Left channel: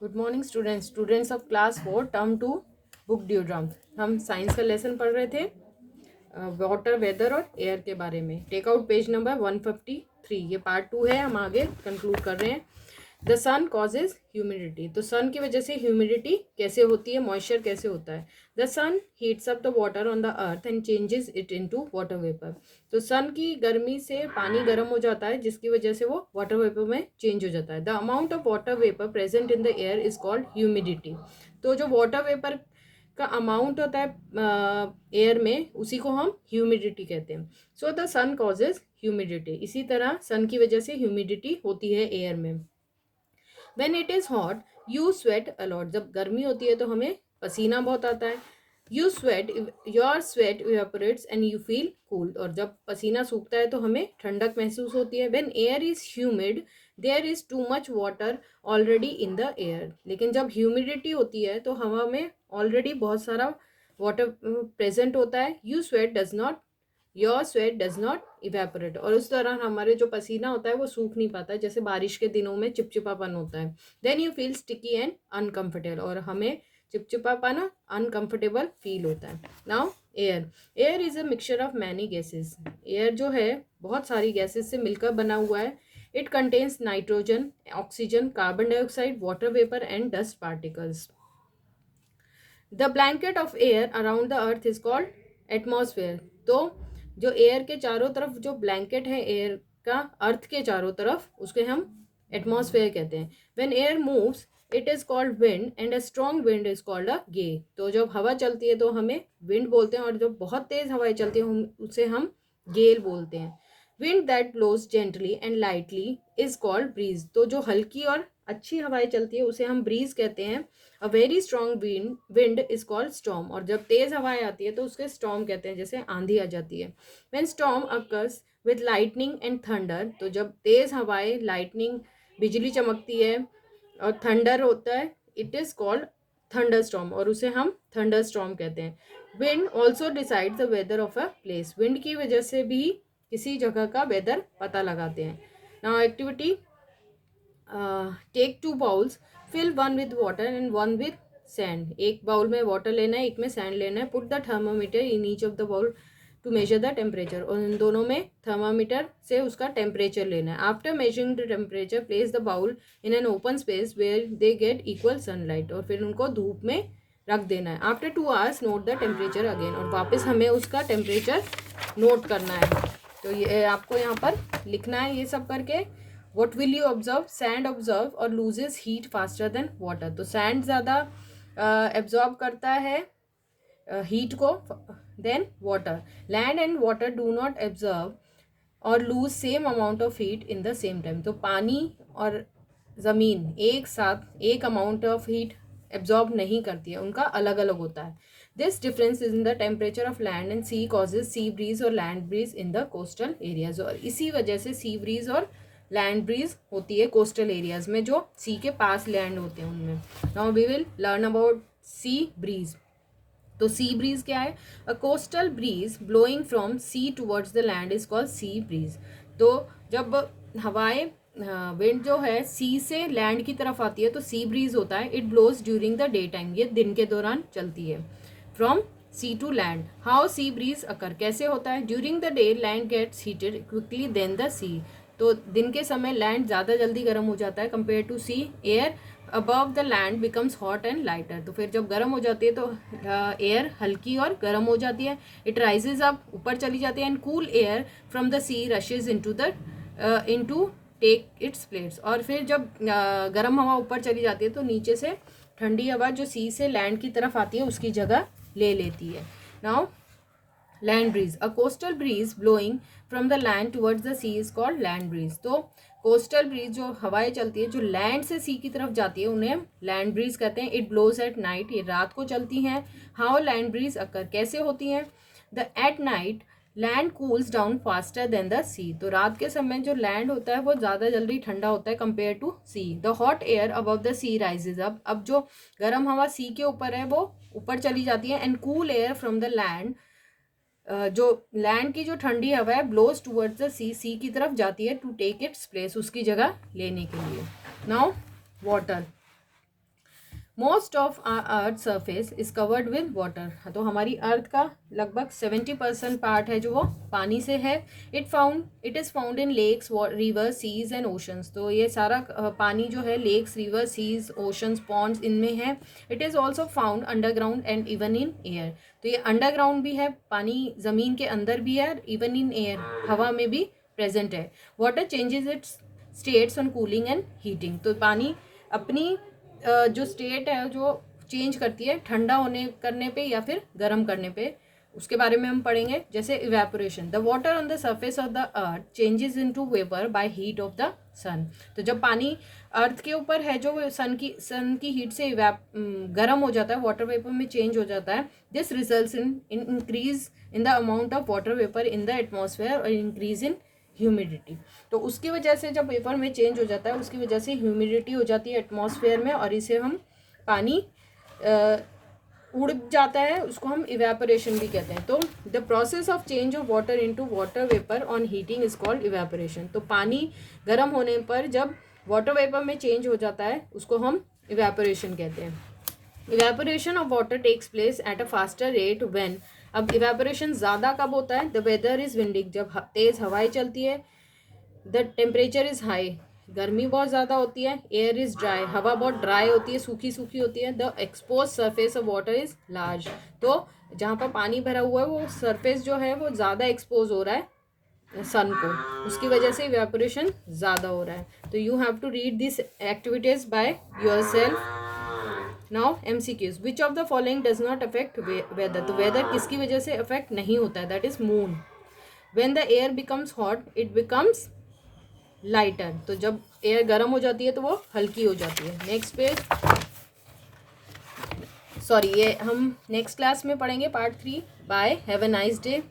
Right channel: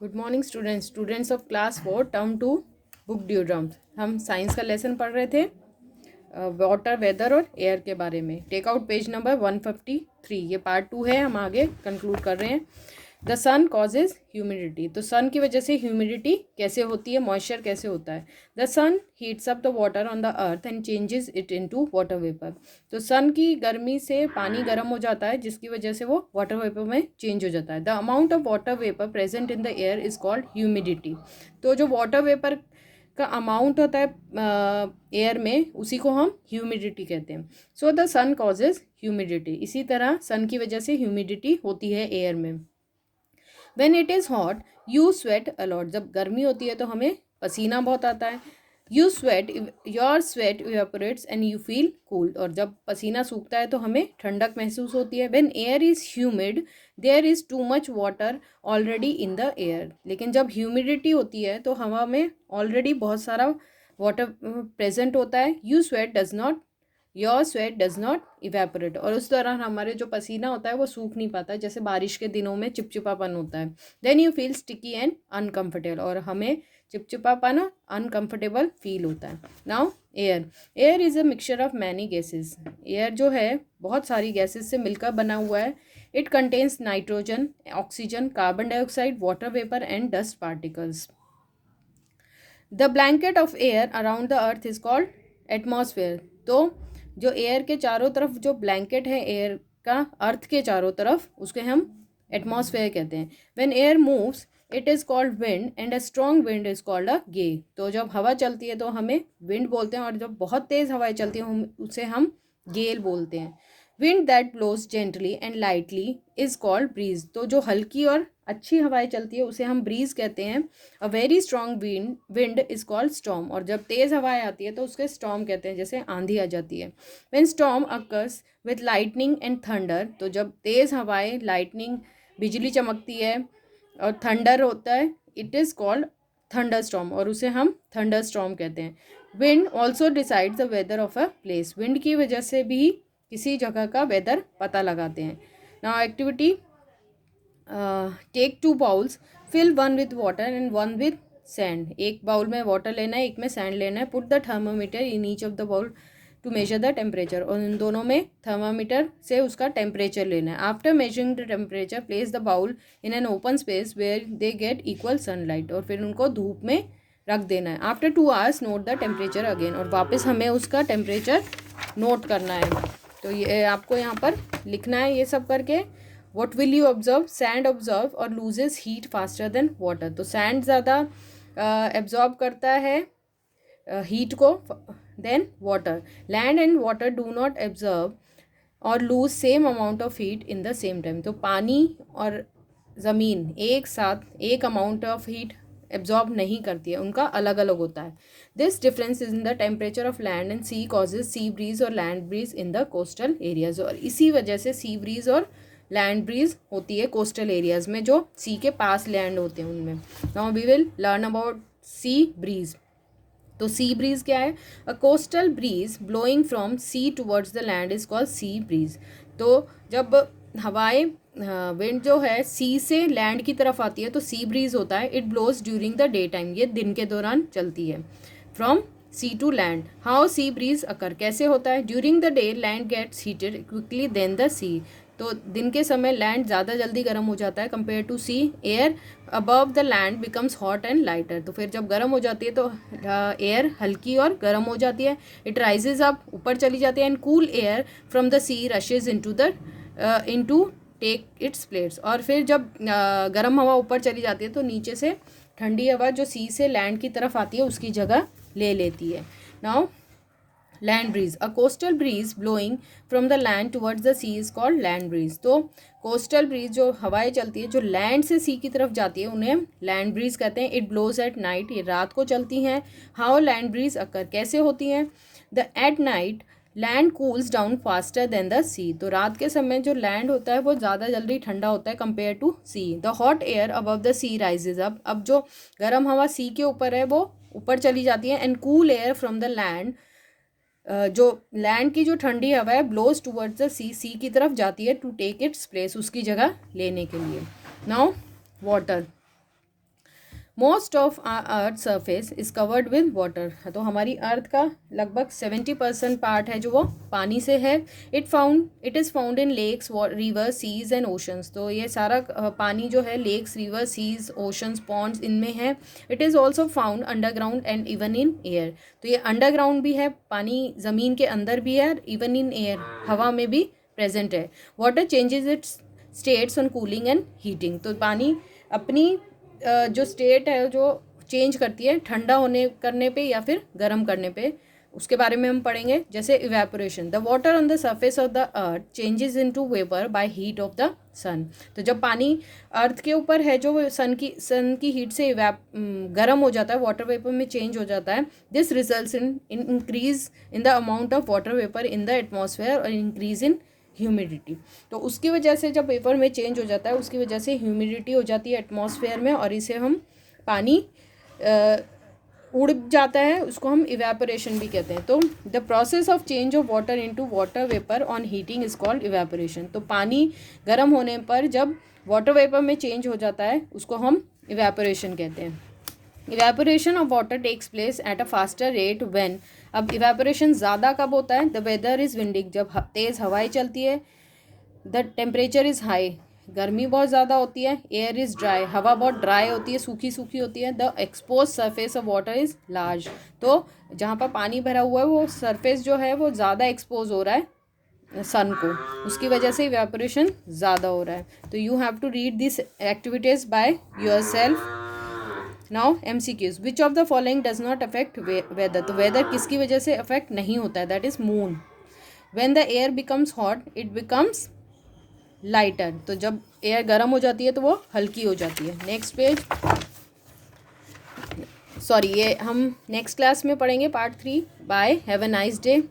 Good morning students of class 4 term 2 book Dewdrop. हम science का lesson पढ़ रहे थे वाटर वेदर और एयर के बारे में। Take out page number 153। ये पार्ट 2 है, हम आगे कंक्लूड कर रहे हैं। The sun causes humidity. तो सन की वजह से ह्यूमिडिटी कैसे होती है, मॉइस्चर कैसे होता है। The sun heats up the water on the earth and changes it into water vapour. तो सन की गर्मी से पानी गर्म हो जाता है, जिसकी वजह से वो वाटर वेपर में चेंज हो जाता है। The amount of water vapour present in the air is called humidity. तो जो वाटर वेपर का अमाउंट होता है एयर में, उसी को हम ह्यूमिडिटी कहते हैं। So the sun causes humidity. इसी तरह सन की वजह से ह्यूमिडिटी होती है एयर में। When it is hot you sweat a lot. जब गर्मी होती है तो हमें पसीना बहुत आता है। You sweat, your sweat evaporates and you feel cool. और जब पसीना सूखता है तो हमें ठंडक महसूस होती है। When air is humid there is too much water already in the air. लेकिन जब ह्यूमिडिटी होती है तो हवा में ऑलरेडी बहुत सारा वाटर प्रेजेंट होता है। You sweat does not, your sweat does not evaporate. और उस दौरान हमारे जो पसीना होता है वो सूख नहीं पाता, जैसे बारिश के दिनों में चिपचिपापन होता है। Then you feel sticky and uncomfortable. और हमें चिपचिपापन, अनकम्फर्टेबल फील होता है। Now air. Air is a mixture of many gases. Air जो है बहुत सारी गैसेस से मिलकर बना हुआ है। It contains nitrogen, oxygen, carbon dioxide, water vapour and dust particles. The blanket of air around the earth is called atmosphere. तो जो एयर के चारों तरफ जो ब्लैंकेट है एयर का, अर्थ के चारों तरफ, उसके हम एटमॉस्फेयर कहते हैं। When air moves it is called wind and a strong wind is called a gale. तो जब हवा चलती है तो हमें विंड बोलते हैं, और जब बहुत तेज़ हवाएं चलती हैं उसे हम गेल बोलते हैं। Wind that blows gently and lightly is called breeze. तो जो हल्की और अच्छी हवाएं चलती है उसे हम ब्रीज कहते हैं। A very strong wind is called storm. और जब तेज हवाएं आती है तो उसके स्टॉर्म कहते हैं, जैसे आंधी आ जाती है। When storm occurs with lightning and thunder. तो जब तेज हवाएं, लाइटनिंग, बिजली चमकती है, और थंडर होता है, it is called thunder storm, और उसे हम थंडर स्टॉर्म कहते हैं। Wind also decides the weather of a place. Wind की वजह से भी किसी जगह का वेदर पता लगाते हैं। Now activity, take 2 bowls, fill 1 with water and 1 with sand. एक बाउल में वाटर लेना है, एक में सैंड लेना है। Put the thermometer in each of the bowl to measure the temperature. और इन दोनों में थर्मामीटर से उसका टेम्परेचर लेना है। After measuring the temperature place the bowl in an open space where they get equal sunlight. और फिर उनको धूप में रख देना है। After 2 hours note the temperature again. और वापस हमें उसका टेम्परेचर नोट करना है। तो ये आपको यहाँ पर लिखना है ये सब करके। What will you observe? Sand absorb और loses heat faster than water. तो sand ज़्यादा absorb करता है heat को than water. Land and water do not absorb और lose same amount of heat in the same time. तो पानी और ज़मीन एक साथ एक अमाउंट ऑफ हीट एब्जॉर्ब नहीं करती है, उनका अलग अलग होता है। This difference is in the temperature of land and sea causes sea breeze और land breeze in the coastal areas. और इसी वजह से सी ब्रीज और लैंड ब्रीज होती है कोस्टल एरियाज में, जो सी के पास लैंड होते हैं उनमें। Now we will learn about sea breeze. तो सी ब्रीज क्या है? A coastal breeze blowing from sea towards the land is called sea breeze. तो जब हवाएं, विंड जो है सी से लैंड की तरफ आती है तो सी ब्रीज होता है। It blows during the day time. ये दिन के दौरान चलती है। From sea to land. How sea breeze occur, कैसे होता है? During the day land gets heated quickly then the sea. तो दिन के समय लैंड ज़्यादा जल्दी गर्म हो जाता है compare to sea. Air above the land becomes hot and lighter. तो फिर जब गर्म हो जाती है तो एयर हल्की और गर्म हो जाती है। इट राइजेज अप, ऊपर चली जाती है। And cool air from the sea rushes into take its place. और फिर जब गर्म हवा ऊपर चली जाती है तो नीचे से ठंडी हवा जो सी से लैंड की तरफ आती है उसकी जगह ले लेती है। Now land breeze. A coastal breeze blowing from the land towards the sea is called land breeze. तो कोस्टल ब्रीज जो हवाएं चलती है जो लैंड से सी की तरफ जाती है उन्हें लैंड ब्रीज कहते हैं। इट ब्लोज एट नाइट, ये रात को चलती हैं। हाउ लैंड ब्रीज अकर, कैसे होती हैं? The at night land cools down faster then the sea. तो रात के समय जो लैंड होता है वो ज़्यादा जल्दी ठंडा होता है compare to sea. The hot air above the sea rises up. अब जो गर्म हवा सी के ऊपर है वो ऊपर चली जाती है। And cool air from the land, जो लैंड की जो ठंडी हवा है, ब्लोज टूवर्ड्स द सी, सी की तरफ जाती है टू टेक इट्स प्लेस, उसकी जगह लेने के लिए। Now water. Most of earth surface is covered with water. तो हमारी अर्थ का लगभग 70% पार्ट है जो वो पानी से है। It is found in lakes, river, seas and oceans. तो ये सारा पानी जो है lakes, river, seas, oceans, ponds इनमें है। It is also found underground and even in air. तो ये अंडरग्राउंड भी है, पानी ज़मीन के अंदर भी है, इवन इन एयर, हवा में भी प्रेजेंट है। Water changes it's states on cooling and heating. तो पानी अपनी जो स्टेट है जो चेंज करती है ठंडा होने करने पे या फिर गर्म करने पे, उसके बारे में हम पढ़ेंगे। जैसे evaporation, the water on the surface of the earth changes into vapour by heat of the sun. तो जब पानी अर्थ के ऊपर है जो सन की हीट से गर्म हो जाता है, वाटर वेपर में चेंज हो जाता है। This results in increase in the amount of water vapour in the atmosphere और इंक्रीज इन ह्यूमिडिटी। तो उसकी वजह से जब वेपर में चेंज हो जाता है, उसकी वजह से ह्यूमिडिटी हो जाती है एटमॉस्फेयर में, और इसे हम पानी उड़ जाता है, उसको हम इवेपोरेशन भी कहते हैं। तो the process of change of water into water vapour on heating is called evaporation. तो पानी गर्म होने पर जब वाटर वेपर में चेंज हो जाता है, उसको हम इवेपोरेशन कहते हैं। Evaporation of water takes place at a faster rate when. अब इवेपोरेशन ज़्यादा कब होता है? द वेदर इज़ विंडिंग, जब तेज़ हवाएं चलती है। द टेम्परेचर इज़ हाई, गर्मी बहुत ज़्यादा होती है। एयर इज़ ड्राई, हवा बहुत ड्राई होती है, सूखी सूखी होती है। The expose surface of water is large, तो जहाँ पर पानी भरा हुआ है वो सरफेस जो है वो ज़्यादा एक्सपोज हो रहा है सन को, उसकी वजह से इवेपोरेशन ज़्यादा हो रहा है। तो you have to read this activities by your self. Now MCQs, which of the following does not affect weather. तो वेदर किसकी वजह से अफेक्ट नहीं होता है? That is moon. When the air becomes hot it becomes lighter. तो जब air गर्म हो जाती है तो वो हल्की हो जाती है। नेक्स्ट पेज, सॉरी, ये हम नेक्स्ट क्लास में पढ़ेंगे part 3। Bye, have a nice day.